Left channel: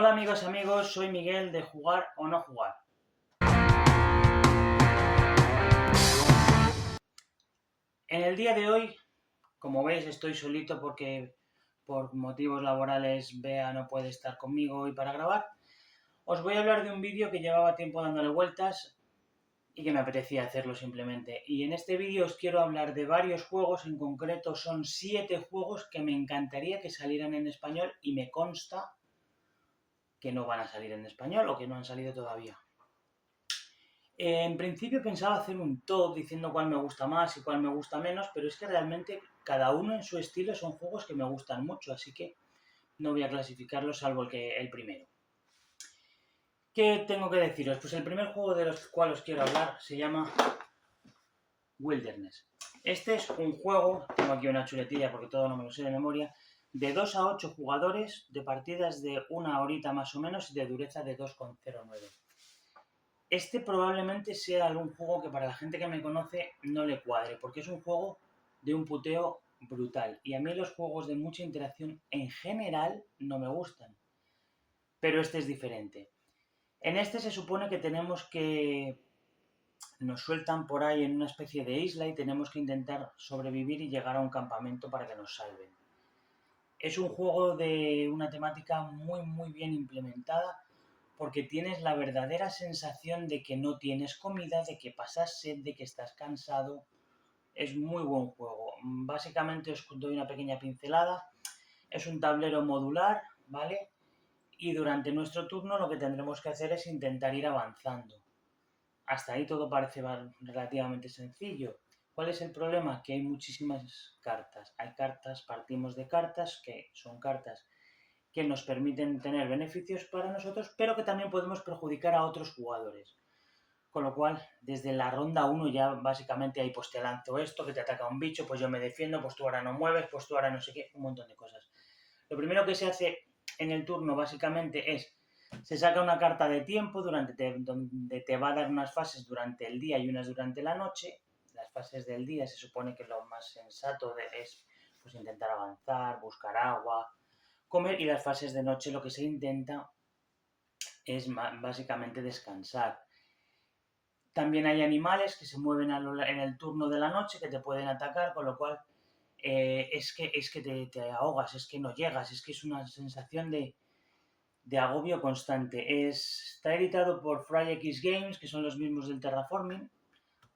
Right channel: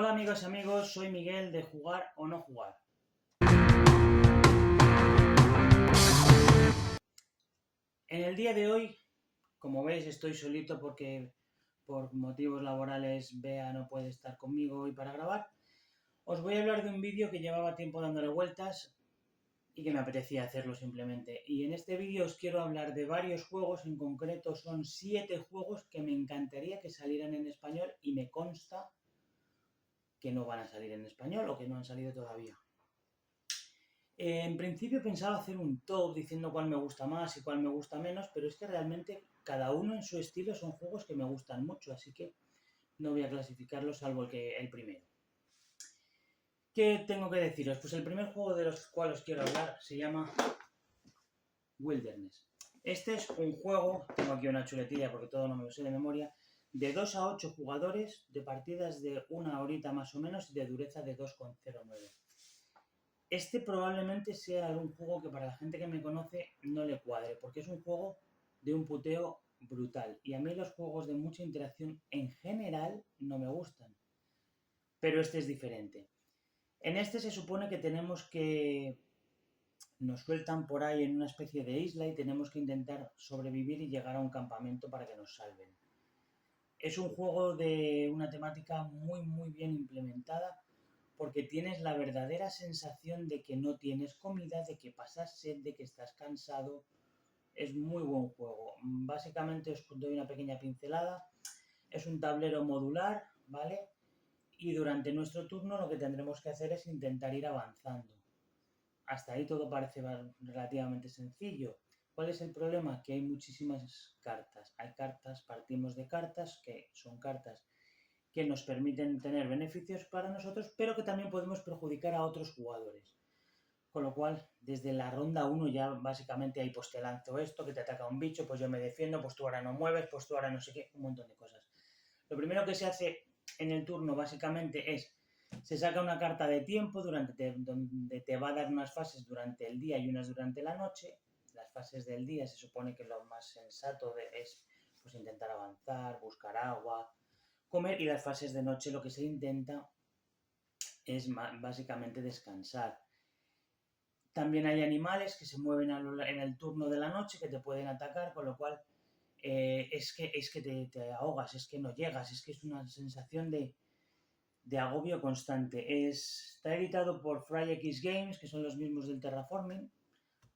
Hola amigos, soy Miguel de Jugar o No Jugar. En el día de hoy, como veis, estoy solito porque por motivos laborales Bea no puede estar conmigo hoy para grabar. Os voy a hablar de un vídeo que llevaba tiempo dándole vueltas y que me apetecía hacerlo simplemente. Y en este vídeo os quiero hablar de varios juegos, en concreto son 7 juegos que me encantaría que salieran en español y me consta que no van a salir en español o que no han salido todavía. En principio pensaba hacer un top diciendo cuál me gusta más y cuál me gusta menos, pero es que realmente cada uno en su estilo son juegos que me gustan mucho, así que no voy a clasificarlos salvo el primero. ¿Qué tengo que deciros? Pues el primer juego de los cuales os quiero hablar se llama Wilderness. Este es un juego, tengo aquí una chuletilla porque todo no me lo sé de memoria, de 2 a 8 jugadores, de partidas de una horita más o menos y de dureza de 2,09. Este probablemente sea algún juego que para la gente que me conoce no le cuadre, porque es un juego de un puteo brutal. Y a mí los juegos de mucha interacción en general no me gustan. Pero este es diferente. En este se supone que tenemos que... Nos sueltan por ahí en una especie de isla y tenemos que intentar sobrevivir y llegar a un campamento para que nos salven. Es un juego de una temática muy bien implementada, porque tienes la verdadera sensación de que no tienes comida, de que pasas sed, de que estás cansado. Es muy buen juego. Básicamente os doy una pequeña pincelada. Es un tablero modular, ¿vale? Y durante nuestro turno lo que tendremos que hacer es intentar ir avanzando. Hasta ahí todo parece relativamente sencillo. ¿Cuál es el problema? Que hay muchísimas cartas. Hay cartas, partimos de cartas, que son cartas que nos permiten tener beneficios para nosotros, pero que también podemos perjudicar a otros jugadores. Con lo cual, desde la ronda 1 ya básicamente hay, pues te lanzo esto, que te ataca un bicho, pues yo me defiendo, pues tú ahora no mueves, pues tú ahora no sé qué, un montón de cosas. Lo primero que se hace en el turno básicamente es, se saca una carta de tiempo donde te va a dar unas fases durante el día y unas durante la noche. Las fases del día se supone que lo más sensato es pues intentar avanzar, buscar agua, comer, y las fases de noche lo que se intenta es básicamente descansar. También hay animales que se mueven en el turno de la noche que te pueden atacar, con lo cual es que te ahogas, es que no llegas, es que es una sensación de agobio constante. Está editado por FryX Games, que son los mismos del Terraforming,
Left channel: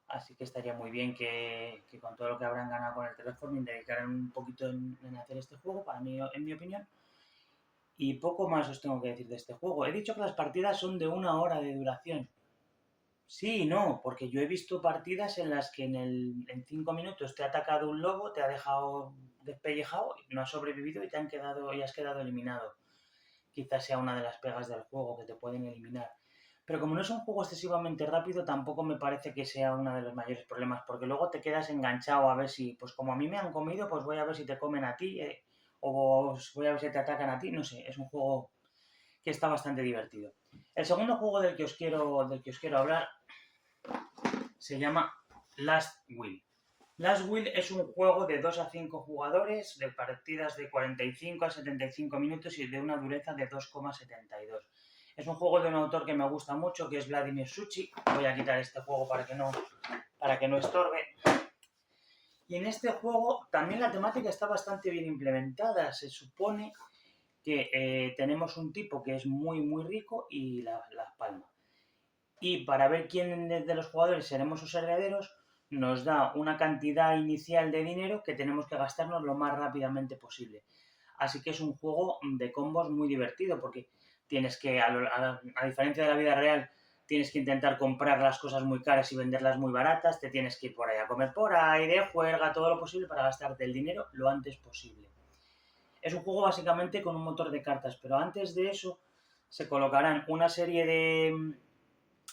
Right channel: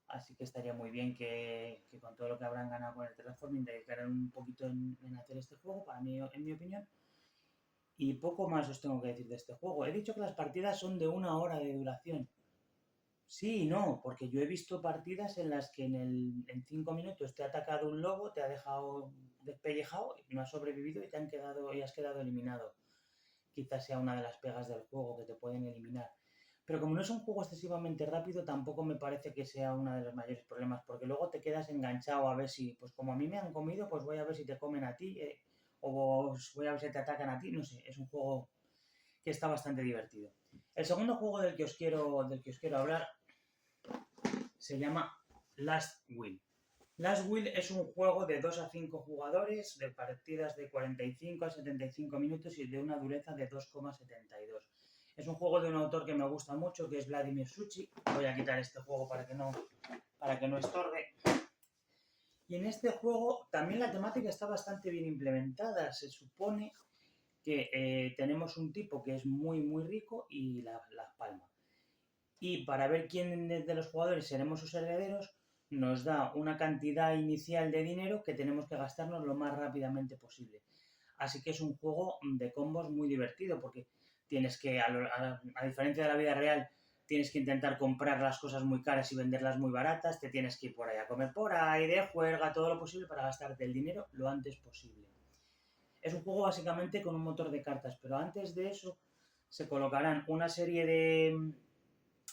así que estaría muy bien que con todo lo que habrán ganado con el Terraforming dedicaran un poquito en hacer este juego, para mí, en mi opinión. Y poco más os tengo que decir de este juego. He dicho que las partidas son de 1 hora de duración. Sí y no, porque yo he visto partidas en las que en 5 minutos te ha atacado un lobo, te ha dejado despellejado, no has sobrevivido y has quedado eliminado. Quizás sea una de las pegas del juego, que te pueden eliminar. Pero como no es un juego excesivamente rápido, tampoco me parece que sea uno de los mayores problemas, porque luego te quedas enganchado a ver si, pues como a mí me han comido, pues voy a ver si te comen a ti, o voy a ver si te atacan a ti, no sé, es un juego que está bastante divertido. El segundo juego del que os quiero hablar se llama Last Will. Last Will es un juego de 2 a 5 jugadores, de partidas de 45 a 75 minutos y de una dureza de 2,72. Es un juego de un autor que me gusta mucho, que es Vladimir Suchý. Voy a quitar este juego para que no estorbe. Y en este juego también la temática está bastante bien implementada. Se supone que tenemos un tipo que es muy rico y la palma. Y para ver quién de los jugadores seremos sus herederos, nos da una cantidad inicial de dinero que tenemos que gastarnos lo más rápidamente posible. Así que es un juego de combos muy divertido, porque tienes que, a diferencia de la vida real, tienes que intentar comprar las cosas muy caras y venderlas muy baratas, te tienes que ir por ahí a comer por ahí, de juerga, todo lo posible para gastarte el dinero lo antes posible. Es un juego básicamente con un motor de cartas, pero antes de eso se colocarán una serie de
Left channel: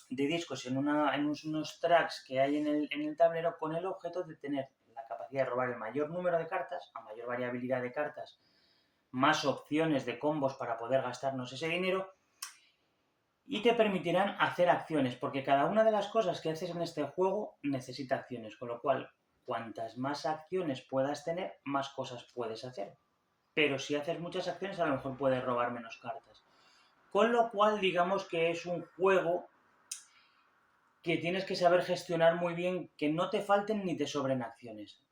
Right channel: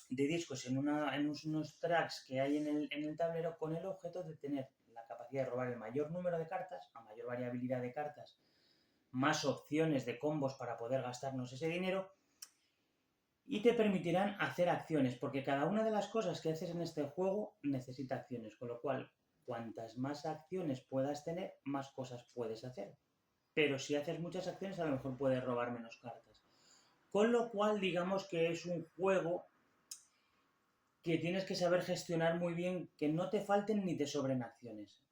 discos en unos tracks que hay en el tablero, con el objeto de tener la capacidad de robar el mayor número de cartas, a mayor variabilidad de cartas, más opciones de combos para poder gastarnos ese dinero, y te permitirán hacer acciones, porque cada una de las cosas que haces en este juego necesita acciones, con lo cual cuantas más acciones puedas tener, más cosas puedes hacer. Pero si haces muchas acciones, a lo mejor puedes robar menos cartas. Con lo cual, digamos que es un juego que tienes que saber gestionar muy bien, que no te falten ni te sobren acciones.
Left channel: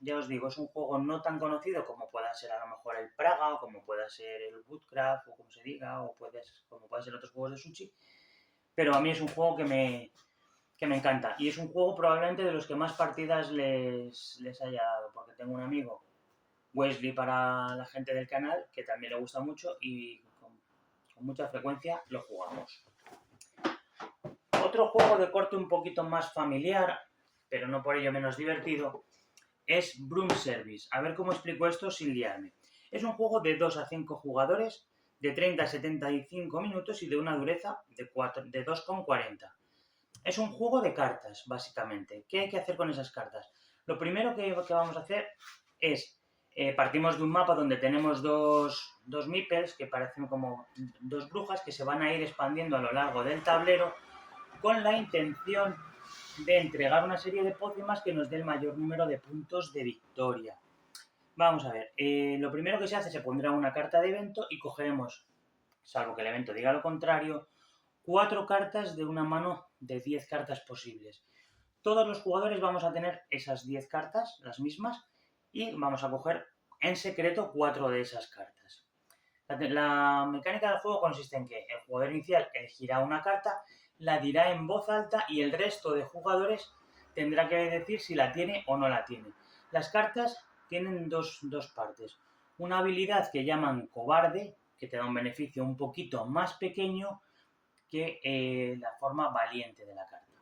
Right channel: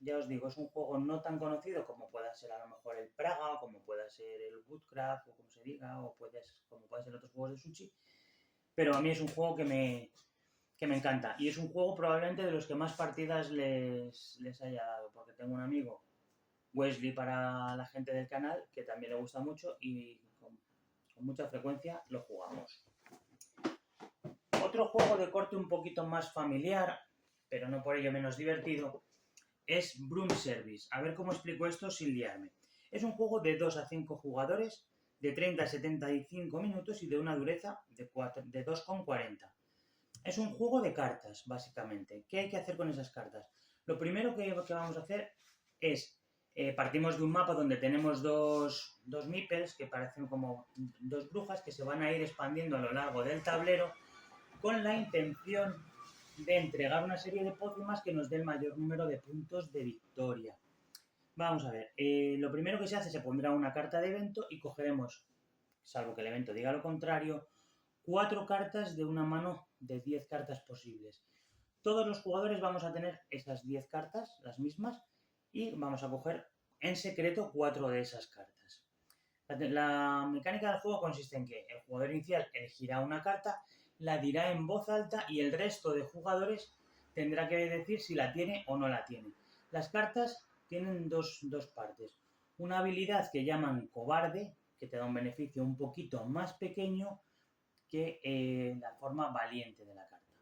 Ya os digo, es un juego no tan conocido como pueda ser a lo mejor el Praga, o como pueda ser el Woodcraft, o como se diga, o como pueden ser otros juegos de sushi, pero a mí es un juego que me encanta. Y es un juego probablemente de los que más partidas les haya dado, porque tengo un amigo, Wesley para la gente del canal, que también le gusta mucho y con mucha frecuencia lo jugamos. Otro juego de corte un poquito más familiar, pero no por ello menos divertido, es Broom Service. A ver cómo explico esto sin liarme. Es un juego de 2 a 5 jugadores, de 30 a 75 minutos y de una dureza de 2,40. Es un juego de cartas, básicamente. ¿Qué hay que hacer con esas cartas? Lo primero que vamos a hacer es, partimos de un mapa donde tenemos dos meeples, que parecen como dos brujas, que se van a ir expandiendo a lo largo del tablero, con la intención de entregar una serie de pócimas que nos dé el mayor número de puntos de victoria. Vamos a ver, lo primero que se hace, se pondrá una carta de evento y cogeremos, salvo que el evento diga lo contrario, 4 cartas de una mano de 10 cartas posibles. Todos los jugadores vamos a tener esas 10 cartas, las mismas, y vamos a coger en secreto 4 de esas cartas. La mecánica del juego consiste en que el jugador inicial elegirá una carta, la dirá en voz alta y el resto de jugadores tendrá que decir si la tiene o no la tiene. Las cartas tienen dos partes. Una habilidad que llaman cobarde, que te da un beneficio un poquito más pequeño que la forma valiente de la carta.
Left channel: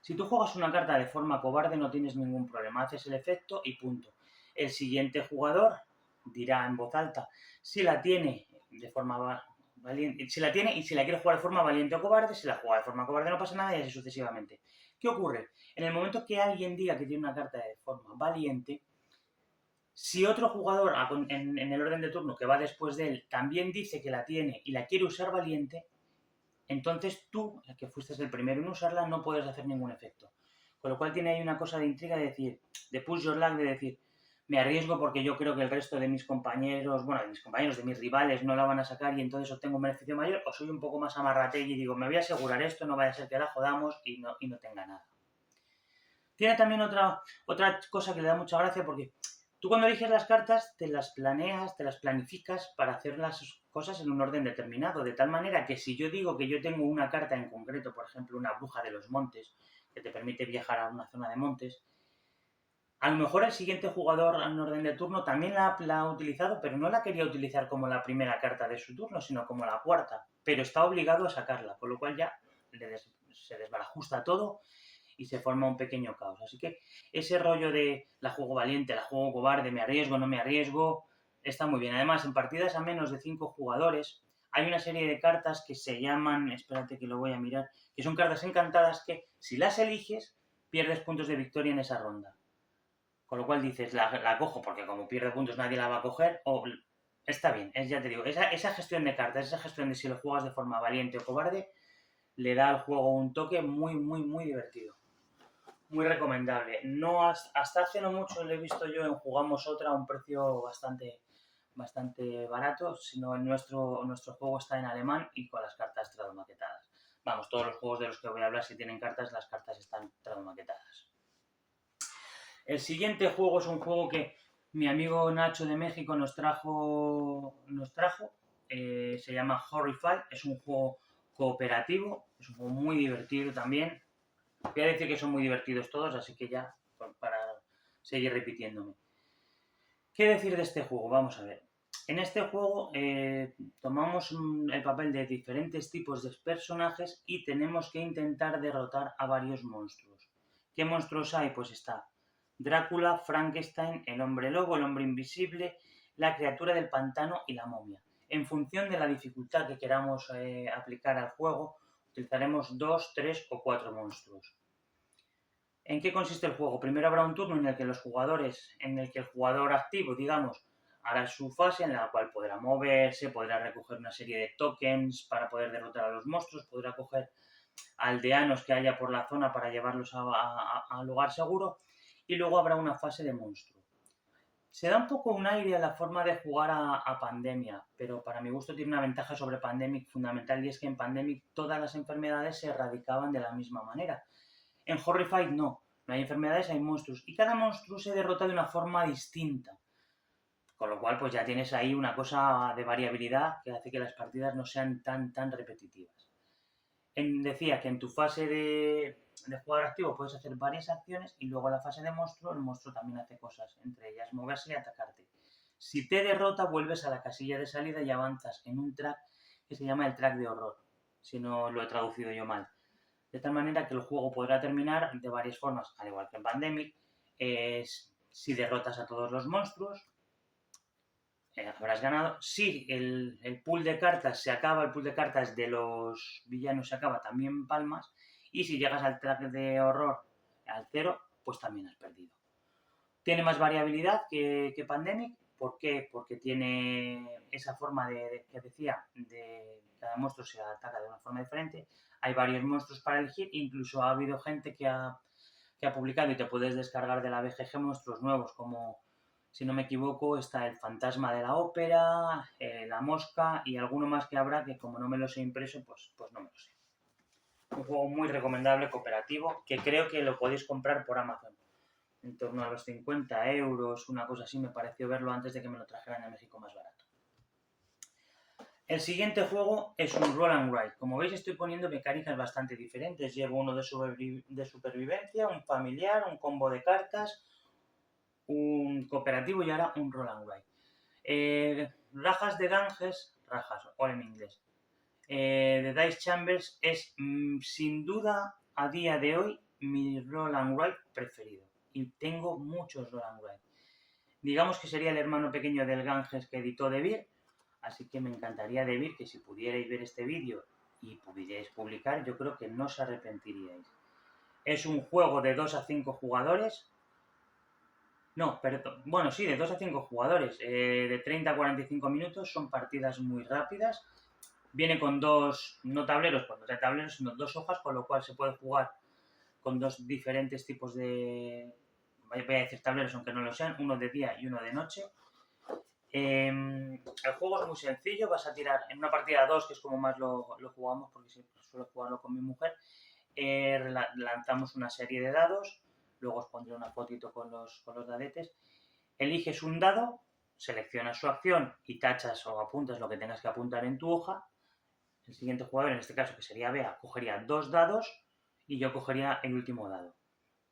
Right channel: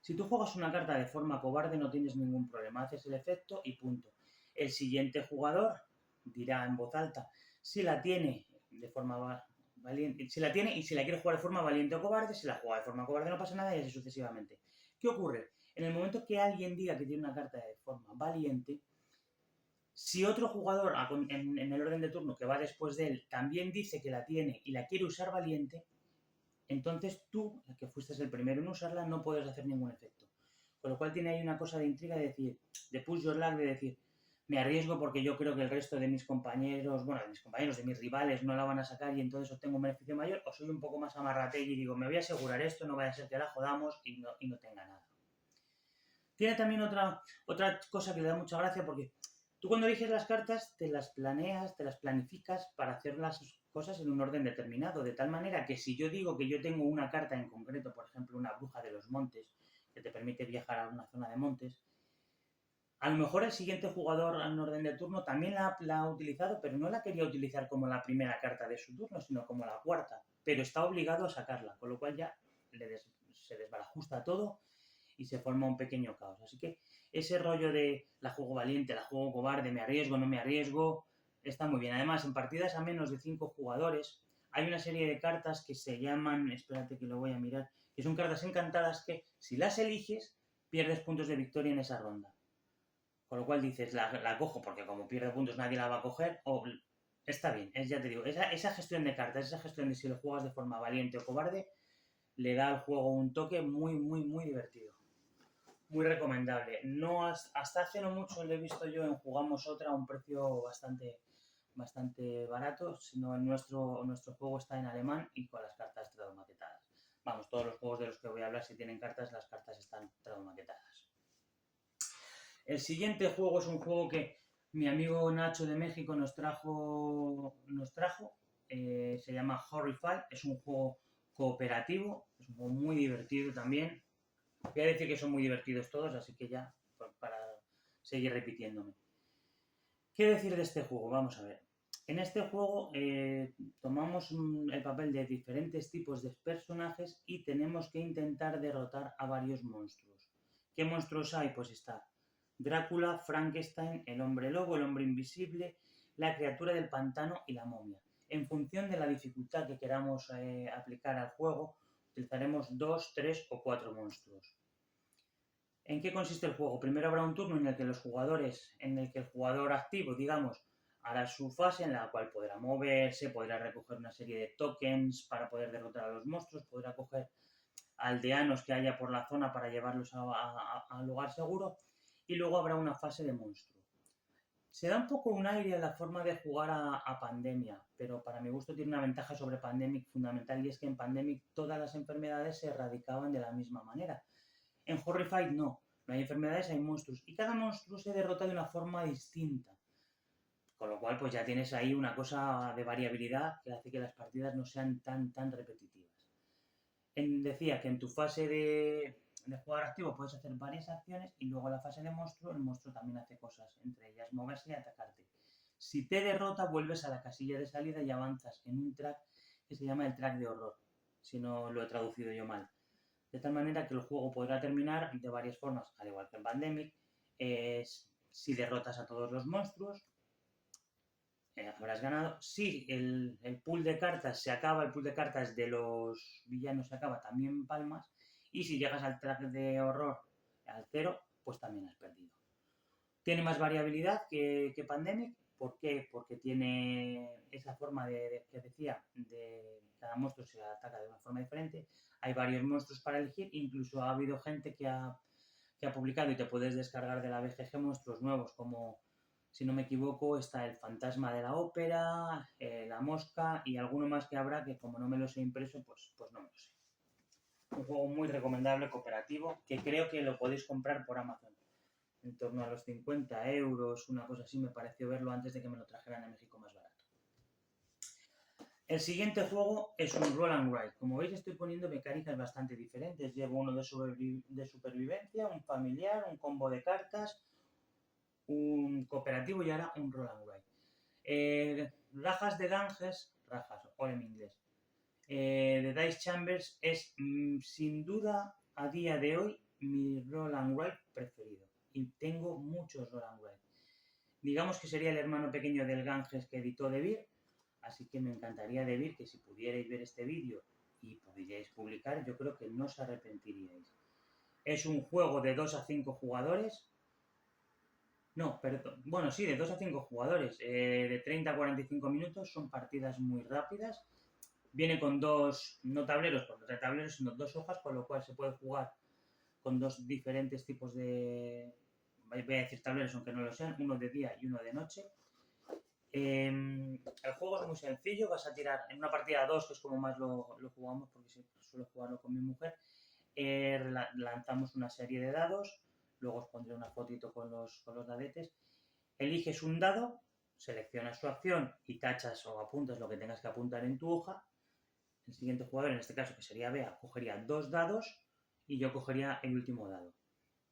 Si tú juegas una carta de forma cobarde no tienes ningún problema, haces el efecto y punto. El siguiente jugador dirá en voz alta si la tiene de forma valiente, si la tiene y si la quiere jugar de forma valiente o cobarde. Si la juega de forma cobarde no pasa nada y así sucesivamente. ¿Qué ocurre? En el momento que alguien diga que tiene una carta de forma valiente, si otro jugador en el orden de turno que va después de él también dice que la tiene y la quiere usar valiente, entonces tú, que fuiste el primero en usarla, no puedes hacer ningún efecto. Con lo cual tiene ahí una cosa de intriga de decir, de push your luck, de decir, me arriesgo porque yo creo que el resto de mis compañeros, de mis rivales no la van a sacar y entonces obtengo un beneficio mayor, o soy un poco más amarrategui y digo, me voy a asegurar esto, no vaya a ser que la jodamos y no tenga nada. Tiene también otra cosa que le da mucha gracia porque tú cuando eliges las cartas te las planeas, te las planificas para hacer las cosas en un orden determinado, de tal manera que si yo digo que yo tengo una carta en concreto, por ejemplo una bruja de los montes, que te permite viajar a una zona de montes, a lo mejor el siguiente jugador en orden de turno también la ha utilizado, pero no la quería utilizar como la primera carta de su turno, sino como la cuarta, pero está obligado a sacarla, con lo cual ya se desbarajusta todo y se forma un pequeño caos. Así que ese rollo de la juego valiente, la juego cobarde, me arriesgo, no me arriesgo, está muy bien. Además, en partidas a menos de 5 jugadores hay una serie de cartas que se llaman, espérate que lo voy a mirar, que son cartas encantadas que si las eliges pierdes puntos de victoria en esa ronda. Con lo cual dices, la cojo porque como pierde puntos nadie la va a coger, o está bien, ya te digo, esa gestión de cartas, esa gestión de si lo juegas de forma valiente o cobarde, le da al juego un toque muy, muy, muy divertido. Muy recomendable. No hasta hace no mucho lo he visto yo en Jugamos Otra a un precio bastante barato, sino nuestro juego está en alemán y con las cartas tradumaquetadas. Vamos, todos los juegos de los que voy a hablar, si tienen cartas, las cartas están tradumaquetadas. El siguiente juego es un juego que mi amigo Nacho de México nos trajo. Se llama Horrify. Es un juego cooperativo, es un juego muy divertido también. Voy a decir que son muy divertidos todos, así que ya, para seguir repitiéndome. ¿Qué decir de este juego? Vamos a ver. En este juego tomamos el papel de diferentes tipos de personajes y tenemos que intentar derrotar a varios monstruos. ¿Qué monstruos hay? Pues está Drácula, Frankenstein, el hombre lobo, el hombre invisible, la criatura del pantano y la momia. En función de la dificultad que queramos aplicar al juego, utilizaremos 2, 3 o 4 monstruos. ¿En qué consiste el juego? Primero habrá un turno en el que el jugador activo, digamos, hará su fase en la cual podrá moverse, podrá recoger una serie de tokens para poder derrotar a los monstruos, podrá coger aldeanos que haya por la zona para llevarlos a lugar seguro y luego habrá una fase de monstruo. Se da un poco un aire a la forma de jugar a Pandemia, pero para mi gusto tiene una ventaja sobre Pandemic fundamental, y es que en Pandemic todas las enfermedades se erradicaban de la misma manera. En Horrified no hay enfermedades, hay monstruos, y cada monstruo se derrota de una forma distinta. Con lo cual, pues ya tienes ahí una cosa de variabilidad que hace que las partidas no sean tan repetitivas. Decía que en tu fase de jugador activo puedes hacer varias acciones, y luego en la fase de monstruo, el monstruo también hace cosas, entre ellas moverse y atacarte. Si te derrota, vuelves a la casilla de salida y avanzas en un track que se llama el track de horror, si no lo he traducido yo mal. De tal manera que el juego podrá terminar de varias formas, al igual que en Pandemic. Si derrotas a todos los monstruos, habrás ganado. Si el pool de cartas se acaba, el pool de cartas de los villanos se acaba, también palmas. Y si llegas al track de horror al 0, pues también has perdido. Tiene más variabilidad que Pandemic. ¿Por qué? Porque tiene esa forma que decía, de cada monstruo se ataca de una forma diferente. Hay varios monstruos para elegir. Incluso ha habido gente que ha publicado, y te puedes descargar de la BGG, monstruos nuevos como, si no me equivoco, está el fantasma de la ópera, la mosca y alguno más que habrá que, como no me los he impreso, pues no me lo sé. Un juego muy recomendable, cooperativo, que creo que lo podéis comprar por Amazon. En torno a los 50 euros, una cosa así, me pareció verlo antes de que me lo trajeran a México más barato. El siguiente juego es un Roll and Ride. Como veis, estoy poniendo mecánicas bastante diferentes. Llevo uno de supervivencia, un familiar, un combo de cartas, un cooperativo y ahora un Roll and Ride. Rajas de Ganges, rajas, o en inglés, de Dice Chambers es sin duda a día de hoy mi Roll and Ride preferido. Y tengo muchos Roll and Ride. Digamos que sería el hermano pequeño del Ganges que editó De Beer. Así que me encantaría, De Beer, que si pudierais ver este vídeo y pudierais publicar, yo creo que no os arrepentiríais. Es un juego de 2 a 5 jugadores. No, perdón. Bueno, sí, de 2 a 5 jugadores. De 30 a 45 minutos. Son partidas muy rápidas. Viene con dos, no tableros, pues no de tableros, sino 2 hojas, con lo cual se puede jugar con 2 diferentes tipos de... Voy a decir tableros, aunque no lo sean. Uno de día y uno de noche. El juego es muy sencillo. Vas a tirar en una partida 2, que es como más lo jugamos, porque siempre suelo jugarlo con mi mujer. Lanzamos una serie de dados. Luego os pondré una fotito con los dadetes. Eliges un dado, seleccionas su acción y tachas o apuntas lo que tengas que apuntar en tu hoja. El siguiente jugador, en este caso que sería Bea, cogería 2 dados y yo cogería el último dado.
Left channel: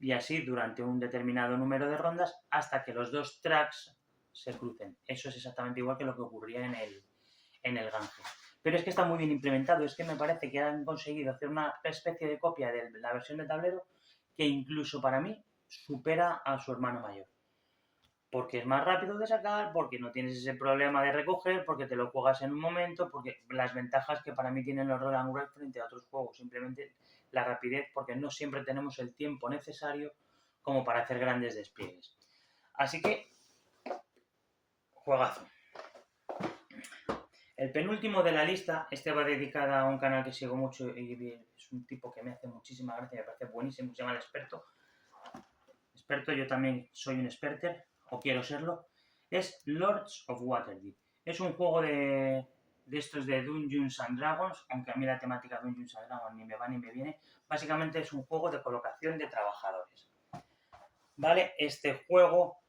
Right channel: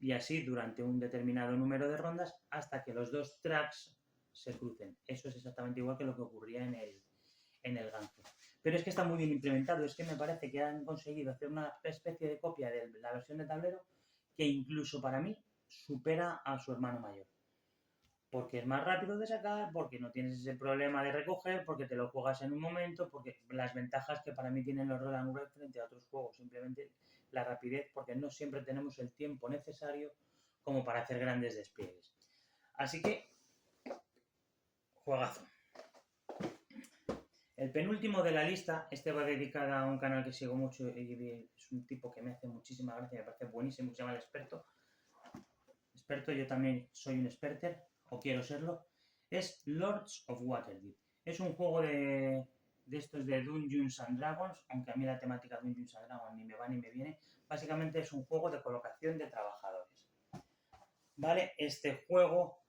Y así durante un determinado número de rondas, hasta que los 2 tracks se crucen. Eso es exactamente igual que lo que ocurría en el Ganges. Pero es que está muy bien implementado. Es que me parece que han conseguido hacer una especie de copia de la versión de tablero que incluso para mí supera a su hermano mayor. Porque es más rápido de sacar, porque no tienes ese problema de recoger, porque te lo juegas en un momento, porque las ventajas que para mí tienen los Roll and Ride frente a otros juegos, simplemente la rapidez, porque no siempre tenemos el tiempo necesario como para hacer grandes despliegues. Así que, juegazo. El penúltimo de la lista, este va dedicado a un canal que sigo mucho y es un tipo que me hace muchísima gracia, me parece buenísimo, se llama El Experto. Yo también soy un experter, o quiero serlo. Es Lords of Waterdeep. Es un juego de estos de Dungeons and Dragons, aunque a mí la temática Dungeons and Dragons ni me va ni me viene. Básicamente es un juego de colocación de trabajadores. ¿Vale? Este juego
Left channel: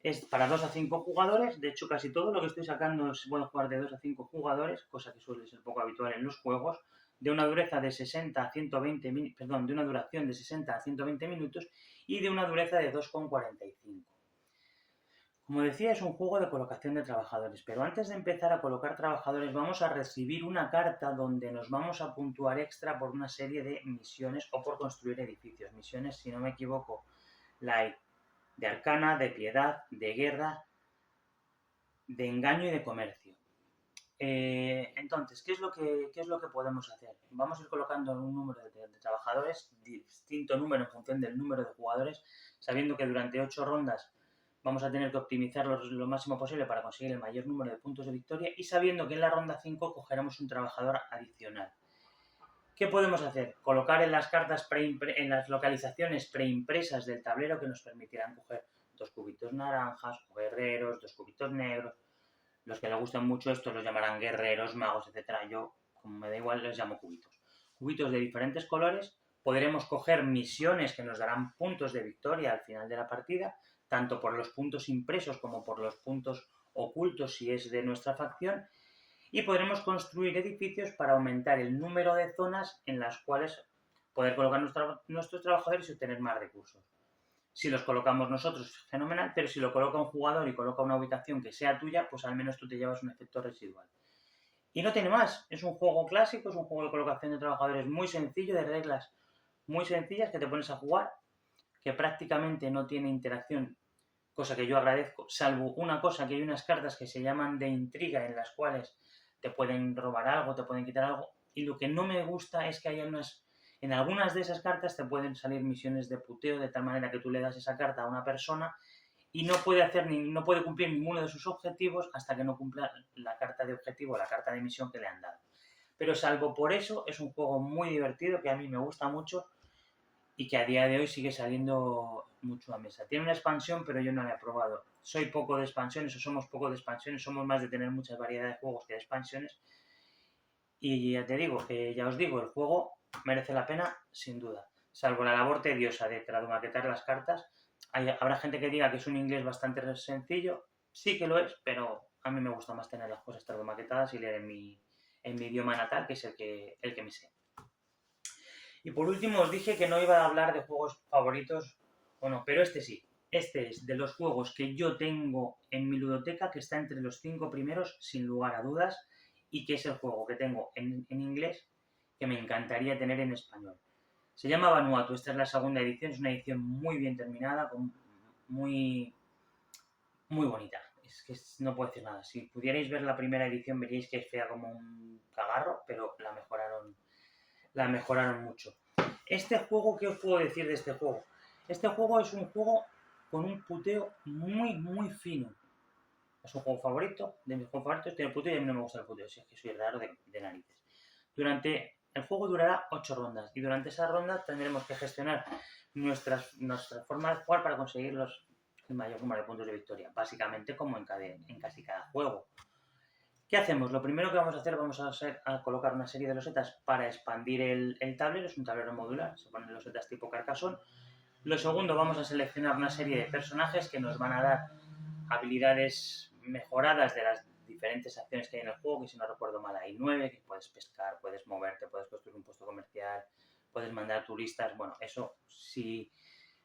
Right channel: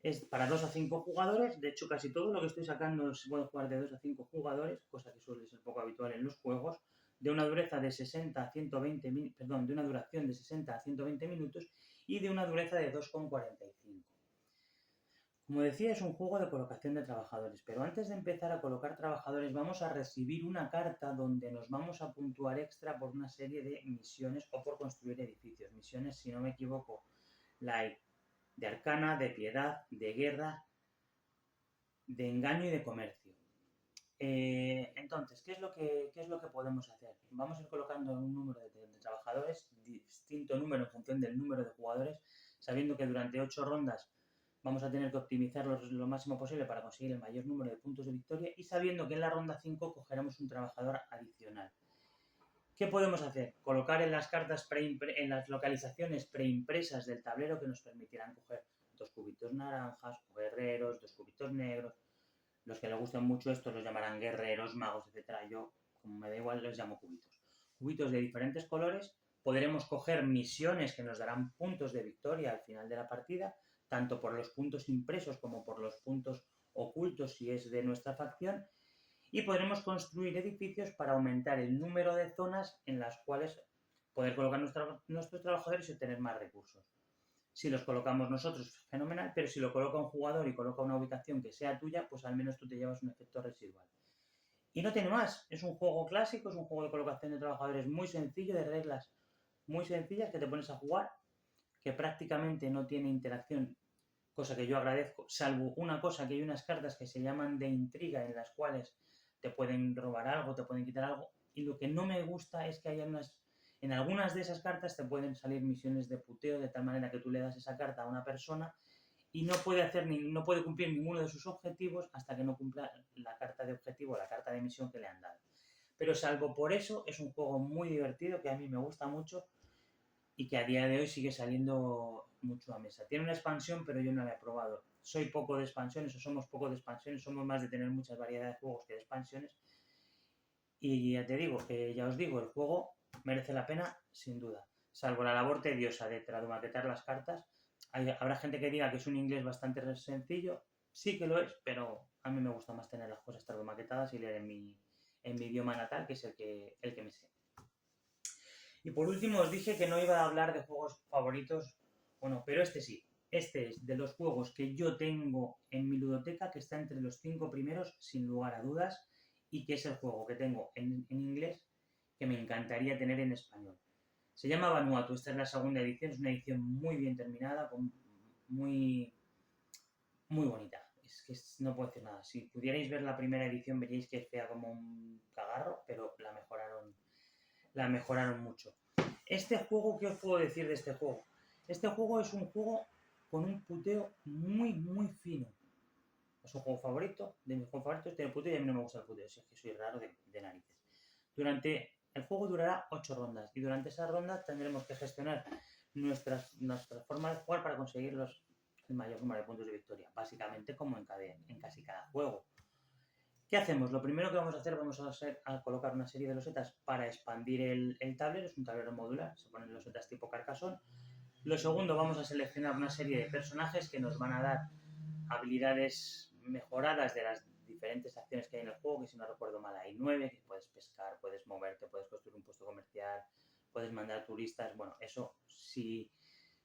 es para 2 a 5 jugadores. De hecho, casi todo lo que estoy sacando se puede jugar de 2 a 5 jugadores, cosa que suele ser poco habitual en los juegos, de una duración de 60 a 120 minutos y de una dureza de 2,45. Como decía, es un juego de colocación de trabajadores, pero antes de empezar a colocar trabajadores vamos a recibir una carta donde nos vamos a puntuar extra por una serie de misiones o por construir edificios. Misiones, si no me equivoco, de arcana, de piedad, de guerra, de engaño y de comercio. Entonces, ¿qué es lo que podemos hacer? Vamos a ir colocando un número de trabajadores, distinto número en función del número de jugadores, sabiendo que durante 8 rondas vamos a tener que optimizarlos lo máximo posible para conseguir el mayor número de puntos de victoria, y sabiendo que en la ronda 5 cogeremos un trabajador adicional. ¿Qué podemos hacer? Colocar en las cartas en las localizaciones preimpresas del tablero que nos permitirán coger 2 cubitos naranjas, o guerreros, 2 cubitos negros. Los que les gustan mucho estos los llamarán guerreros, magos, etcétera. Yo, como me da igual, les llamo cubitos. Cubitos de diferentes colores. Podremos coger misiones que nos darán puntos de victoria al final de la partida, tanto por los puntos impresos como por los puntos ocultos si es de nuestra facción. Y podremos construir edificios para aumentar el número de zonas en las cuales poder colocar nuestros trabajadores y obtener más recursos. Si los colocamos nosotros, fenomenal, pero si lo coloca un jugador y coloca una ubicación que sea tuya, pues al menos tú te llevas un efecto residual. Y no tiene más, es un juego clásico, es un juego de colocación de trabajadores muy sencillo, de reglas muy sencillas que te pones a jugar, que prácticamente no tiene interacción, cosa que yo agradezco, salvo una cosa, que hay unas cartas que se llaman de intriga en las cuales te pueden robar algo, te pueden quitar algo, y lo que no me gusta es que hay en algunas de esas cartas te pueden salir misiones de puteo de tal manera que tú le das esa carta a una persona y no puede cumplir ninguno de sus objetivos hasta que no cumpla la carta de objetivo, la carta de misión que le han dado. Pero salvo por eso, es un juego muy divertido que a mí me gusta mucho y que a día de hoy sigue saliendo mucho a mesa. Tiene una expansión, pero yo no la he probado. Soy poco de expansiones, o somos poco de expansiones, somos más de tener muchas variedades de juegos que de expansiones. Y ya te digo, que ya os digo, el juego merece la pena, sin duda. Salvo la labor tediosa de tradumaquetar las cartas. Habrá gente que diga que es un inglés bastante sencillo. Sí que lo es, pero a mí me gusta más tener las cosas tradumaquetadas y leer en mi idioma natal, que es el que me sé. Y por último os dije que no iba a hablar de juegos favoritos o no, pero este sí. Este es de los juegos que yo tengo en mi ludoteca, que está entre los 5 primeros, sin lugar a dudas, y que es el juego que tengo en inglés, que me encantaría tener en español. Se llama Vanuatu, esta es la segunda edición, es una edición muy bien terminada, muy, muy bonita. Es que no puedo decir nada. Si pudierais ver la primera edición veríais que es fea como un cagarro, pero la mejoraron mucho. Este juego, ¿qué os puedo decir de este juego? Este juego es un juego con un puteo muy, muy fino. Es un juego favorito, de mis juegos favoritos, tiene puteo y a mí no me gusta el puteo, si es que soy raro de narices. El juego durará 8 rondas y durante esa ronda tendremos que gestionar nuestra forma de jugar para conseguir el mayor número de puntos de victoria, básicamente como en casi cada juego. ¿Qué hacemos? Lo primero que vamos a hacer, a colocar una serie de losetas para expandir el tablero, es un tablero modular, se ponen losetas tipo Carcassonne. Lo segundo, vamos a seleccionar una serie de personajes que nos van a dar habilidades mejoradas de las diferentes acciones que hay en el juego, que si no recuerdo mal hay 9, que puedes pescar, puedes moverte, puedes construir un puesto comercial, puedes mandar turistas. Bueno, eso si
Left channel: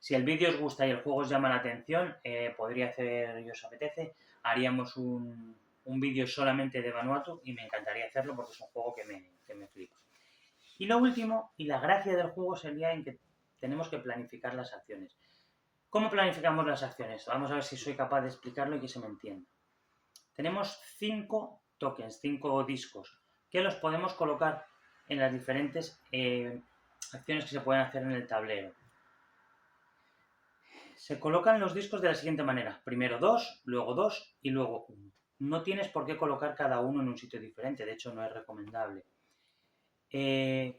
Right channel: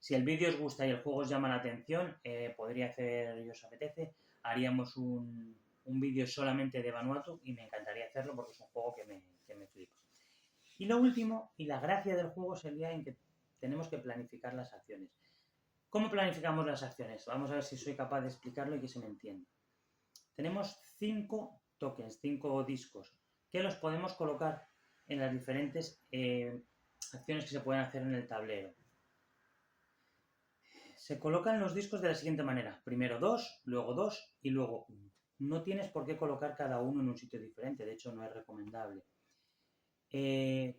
el vídeo os gusta y el juego os llama la atención, podría hacer, y os apetece, haríamos un vídeo solamente de Vanuatu y me encantaría hacerlo porque es un juego que me flipa. Y lo último, y la gracia del juego sería en que tenemos que planificar las acciones. ¿Cómo planificamos las acciones? Vamos a ver si soy capaz de explicarlo y que se me entienda. Tenemos 5 tokens, 5 discos, que los podemos colocar en las diferentes acciones que se pueden hacer en el tablero. Se colocan los discos de la siguiente manera. Primero 2, luego 2 y luego 1. No tienes por qué colocar cada uno en un sitio diferente, de hecho no es recomendable.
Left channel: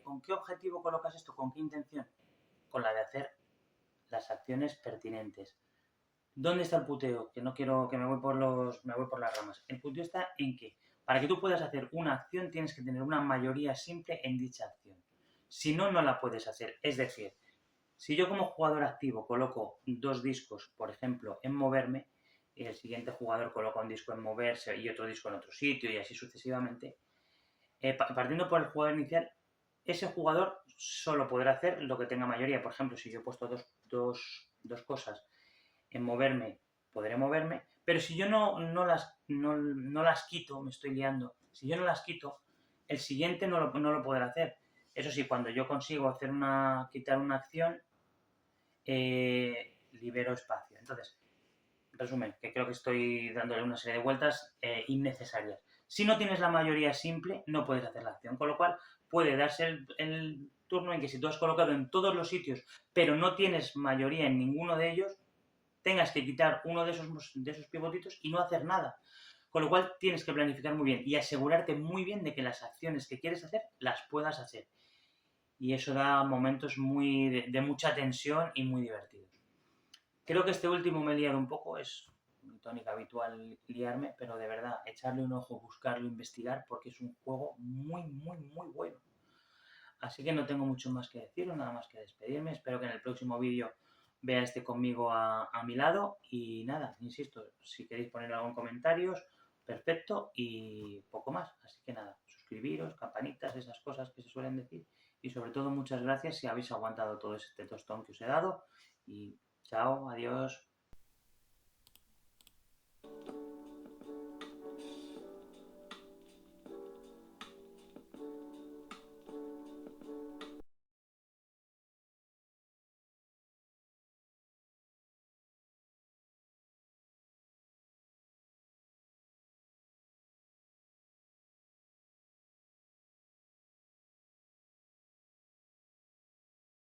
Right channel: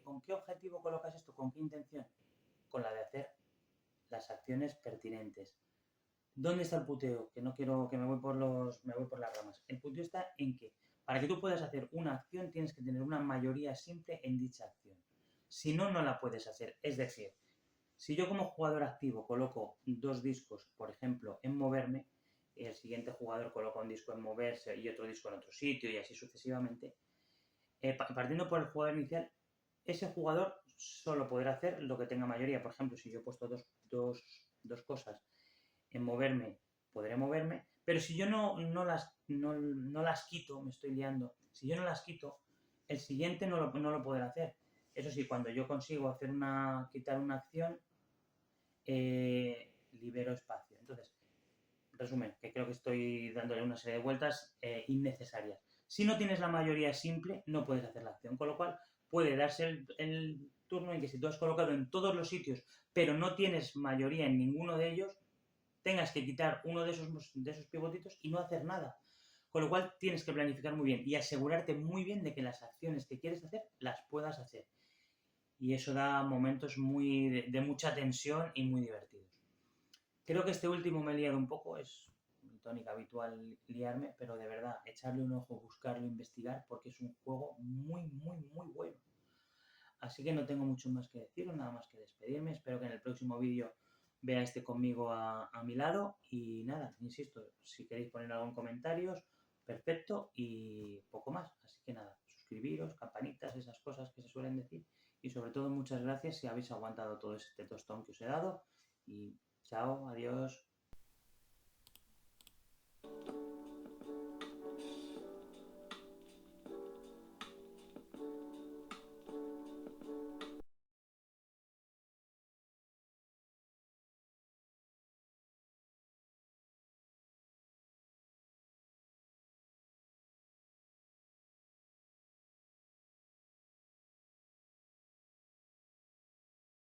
¿Con qué objetivo colocas esto? ¿Con qué intención? Con la de hacer las acciones pertinentes. ¿Dónde está el puteo? Que no quiero, que me voy por las ramas. El puteo está en que para que tú puedas hacer una acción tienes que tener una mayoría simple en dicha acción. Si no, no la puedes hacer. Es decir, si yo como jugador activo coloco 2 discos, por ejemplo, en moverme, y el siguiente jugador coloca un disco en moverse y otro disco en otro sitio y así sucesivamente, partiendo por el jugador inicial, ese jugador solo podrá hacer lo que tenga mayoría. Por ejemplo, si yo he puesto dos cosas en moverme, podré moverme, pero si yo no las quito, me estoy liando, si yo no las quito, el siguiente no lo podrá hacer. Eso sí, cuando yo consigo quitar una acción, libero espacio. Entonces, resumen, que creo que estoy dándole una serie de vueltas innecesarias. Si no tienes la mayoría simple, no puedes hacer la acción, con lo cual puede darse el turno en que si tú has colocado en todos los sitios, pero no tienes mayoría en ninguno de ellos, tengas que quitar uno de esos pivotitos y no hacer nada. Con lo cual tienes que planificar muy bien y asegurarte muy bien de que las acciones que quieres hacer las puedas hacer. Y eso da momentos de mucha tensión y muy divertidos. Creo que este último me he liado un poco, es mi tónica habitual liarme, pero de verdad, echarle un ojo, buscarlo, investigar, porque es un juego muy, muy, muy bueno. Así que no tengo mucho más que decir, nada más que despedirme. Espero que en el próximo vídeo vea este conmigo a mi lado. Y nada, insisto, si queréis poner algún comentario, perfecto, y poco más. Así que nada, suscribiros, campanitas, esas cosas que se suelen decir. Y sobre todo, muchas gracias si habéis aguantado todo este tostón que os he dado. Y chao, adiós.